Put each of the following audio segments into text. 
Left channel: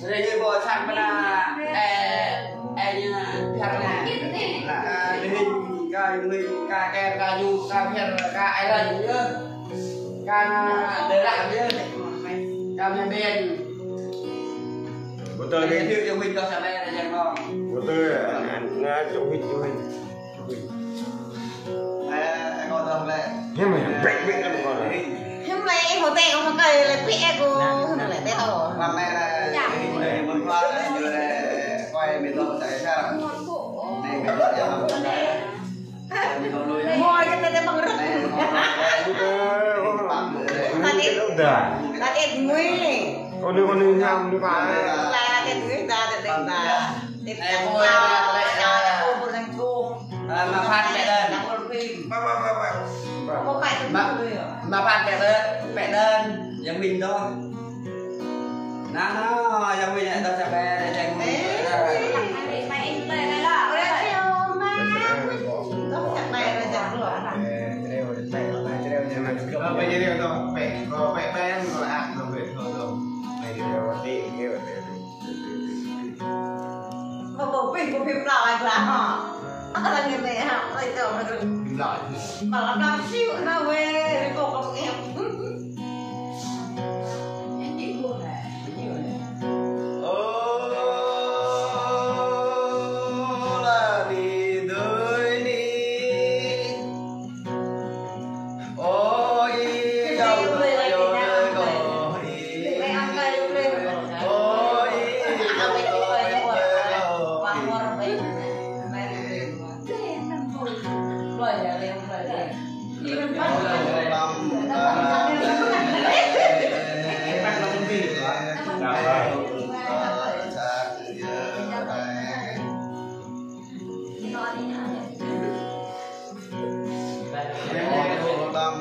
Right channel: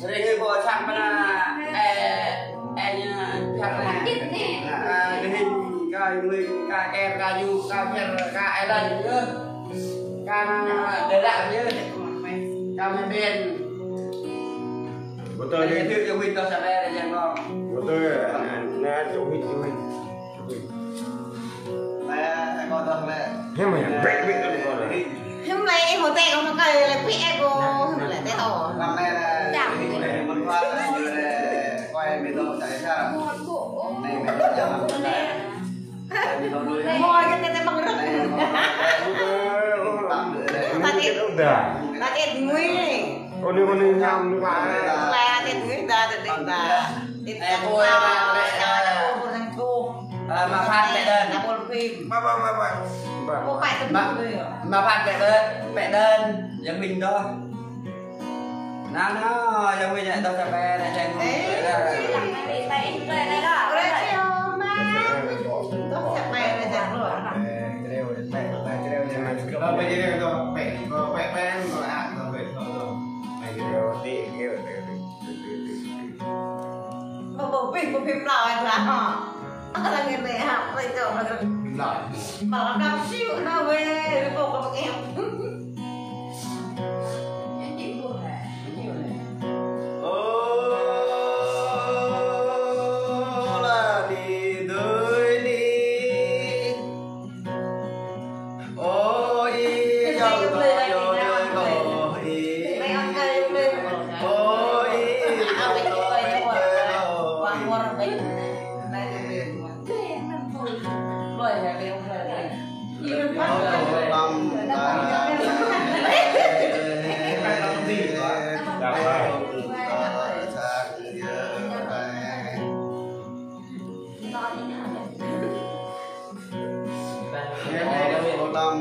Jadi bos sampai như karena linh ca em ca du ca nhân ca island nữa ca để lại nhớ ca nhân biên của tôi đi tiếp cho Win cho đây là dân không của tôi nghe chỗ Win của mình này con tao này thế mà bệnh bệnh lắm con này hôm nay em hồ tè không có cây là quỷ cô hôm nay là tè to năm nay là mình muốn qua như là quay miền Đông chạy sao này miền Đông giờ mà miền Đông lui mua cho nên bằng rất cái đâu đời là cái núi này con đi nhầm đi qua là cái núi ta để đánh bà mà phát mẹ đơn là một phim mà có phải mà phát mẹ đơn nhà mình thôi nó nhà mình này tao sẽ về này trên một phim nào anh là họ nó là người mẹ hả bây giờ mà nó đang siêu nó về bộ con em Hãy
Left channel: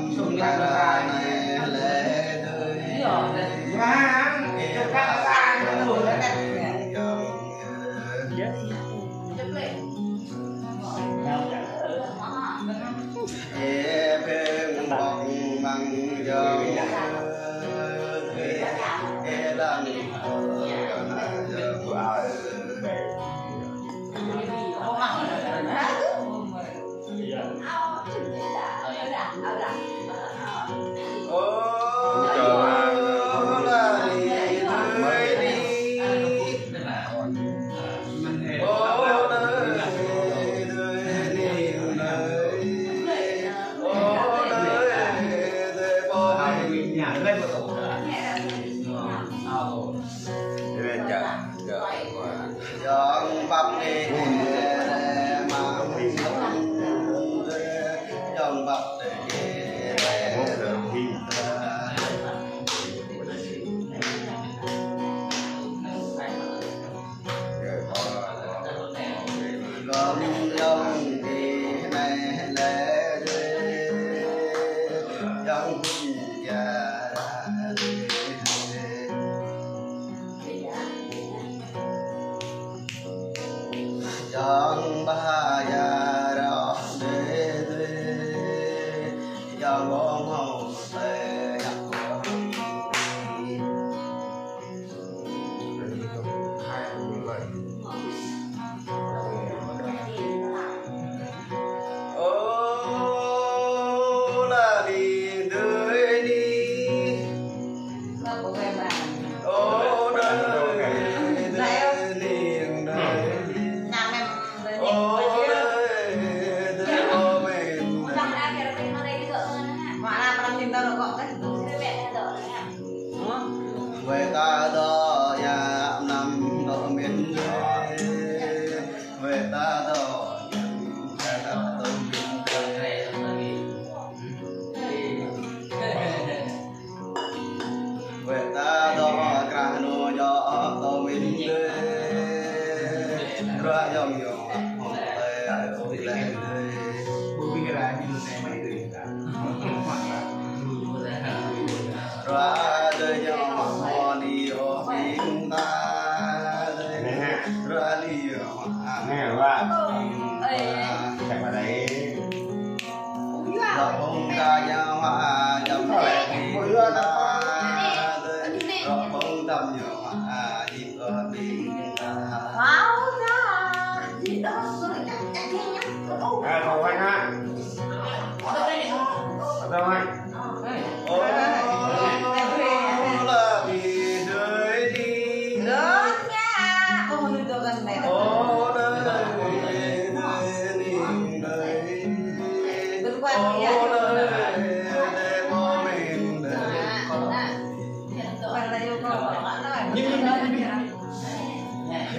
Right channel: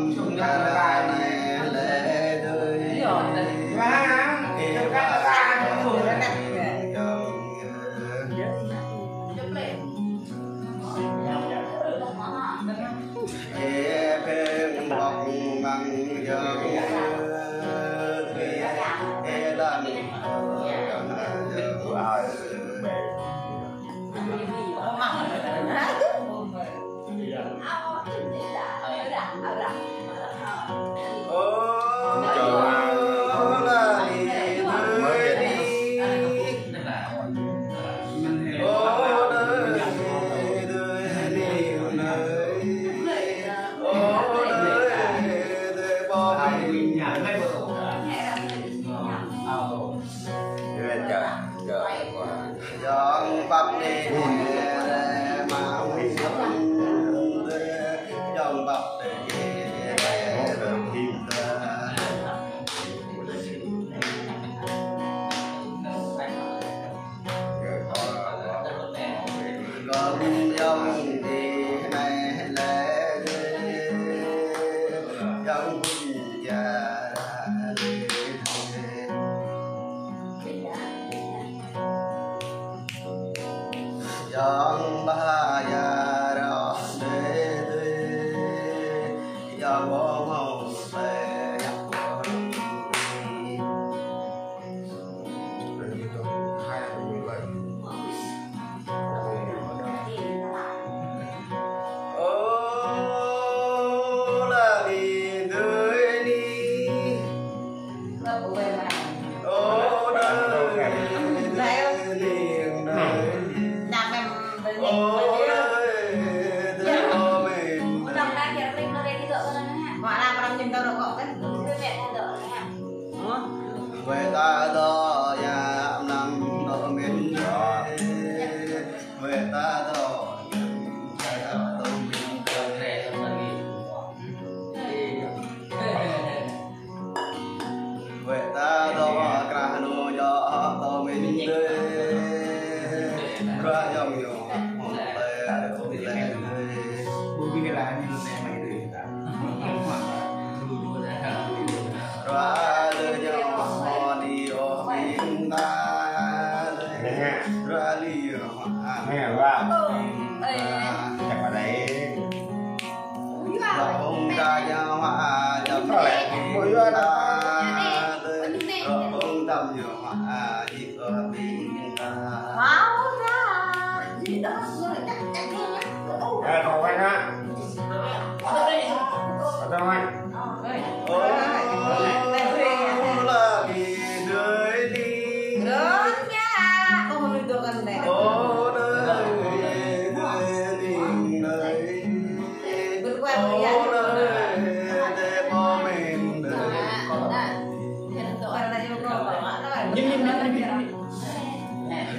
subscribe cho kênh Ghiền Mì Gõ để không bỏ lỡ những video hấp dẫn. bông đầm nhiều họa dịp ở biển máu ra gì đó rồi chắc chắc nhá Thầu anh á. Thầu anh. ô là vì đời đi lớn nha ôi tôi gần này ô đời đi đời vượt qua ô thời gian đời để có mình đời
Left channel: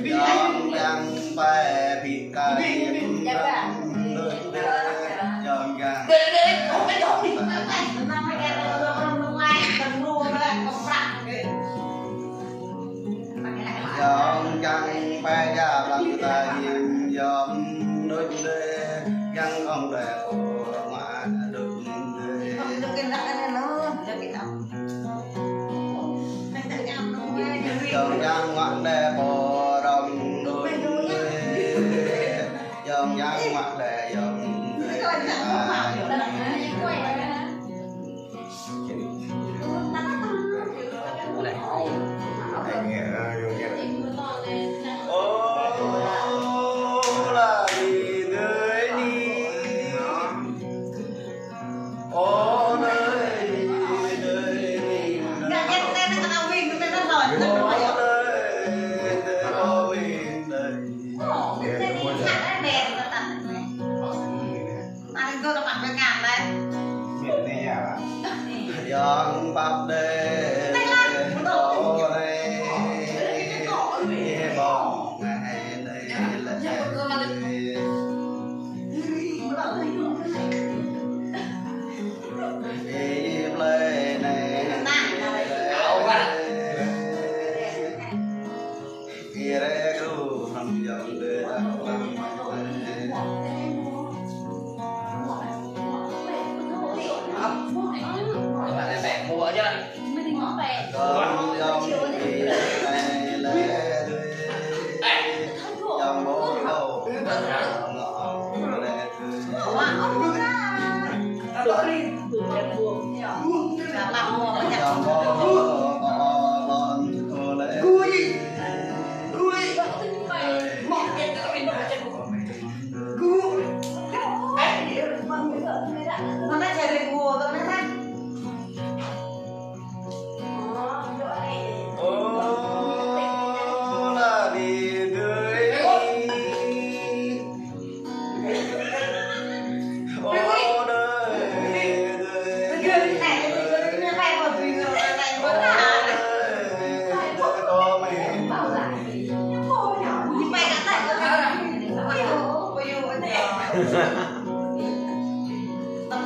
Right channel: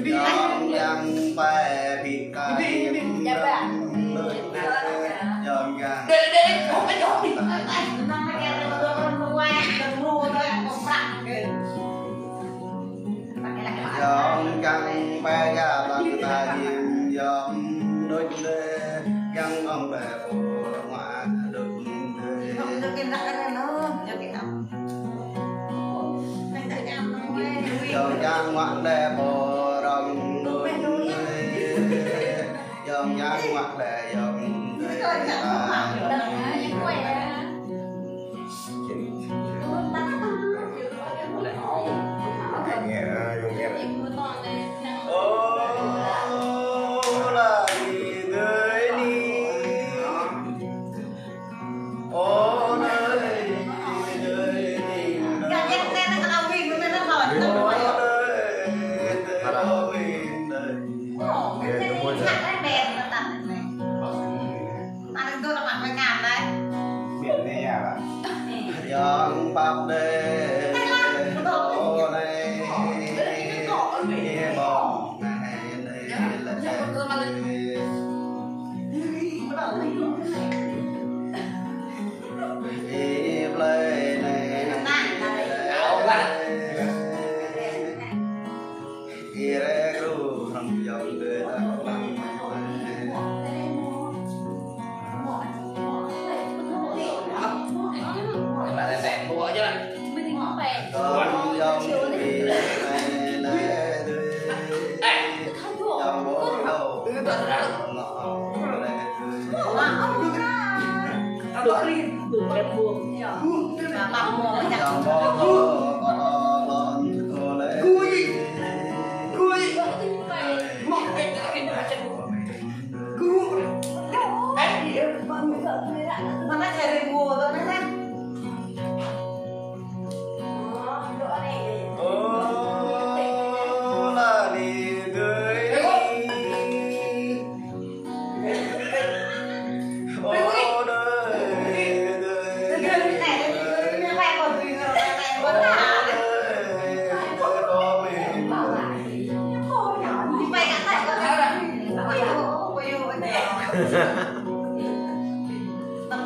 dòng dàng phải bị ca điểm đời dòng dàng dòng dàng phải ra bằng ta diêm dòng đôi đê dòng ông đẹp của ngoại đừng đê dòng dàng ngoại đẹp của đồng đôi đê dòng dàng ngoại đẹp dòng đê ô là vì đời đi ô nơi đời đi ô nơi có mình đời dòng bạc đê ô này bóng ngày đây lệ Hiệp lệ này kia ra cứ thầm dòng để đặt bằng con dòng kia này lệ dòng bố đầu ngọ lệ dòng bố đầu lon cô lệ ô là đi gửi ô đời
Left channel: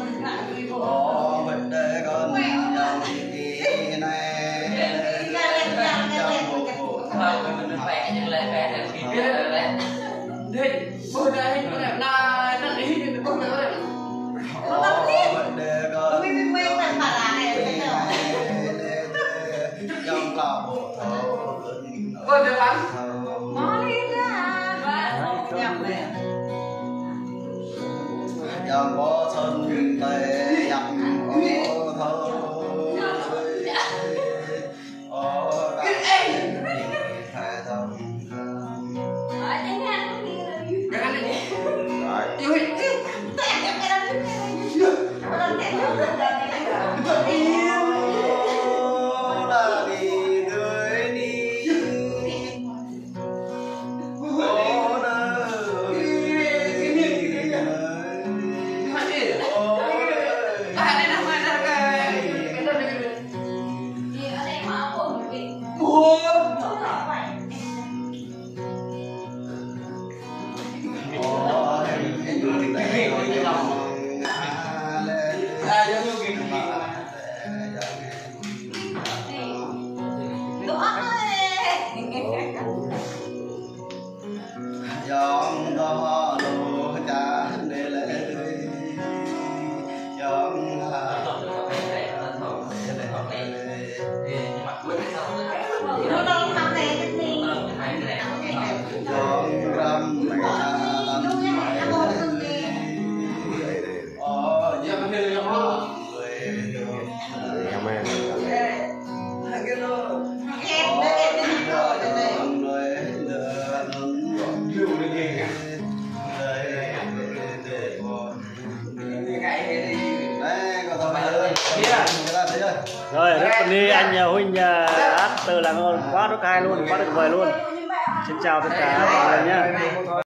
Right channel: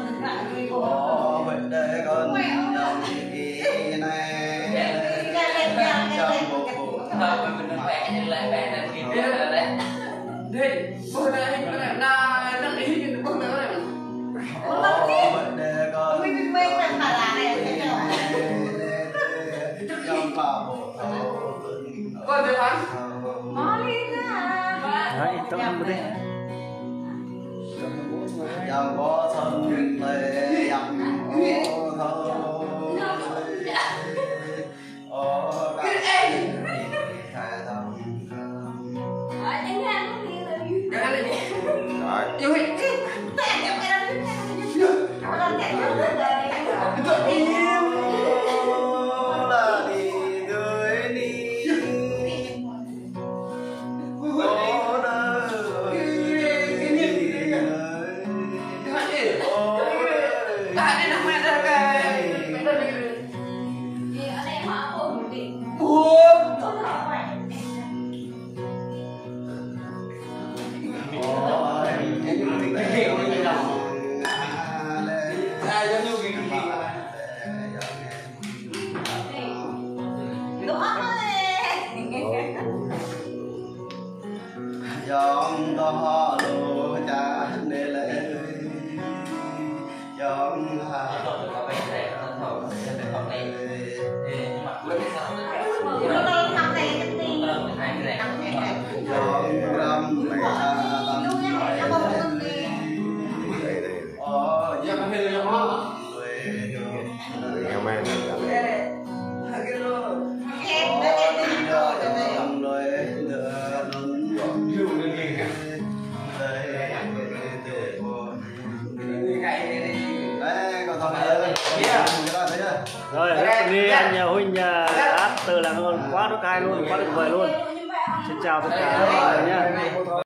có mình có vậy để con dòng kỳ này trong một cuộc để con trong lòng dòng bó thân tê dòng ô thơ ô cái dòng ô là đi đời đi ô đời người ta thấy chưa? Rồi, lúc đi anh Huynh hát từ là quá tuyệt vời luôn, quá tuyệt vời luôn. Xin chào tất cả mọi người nhé.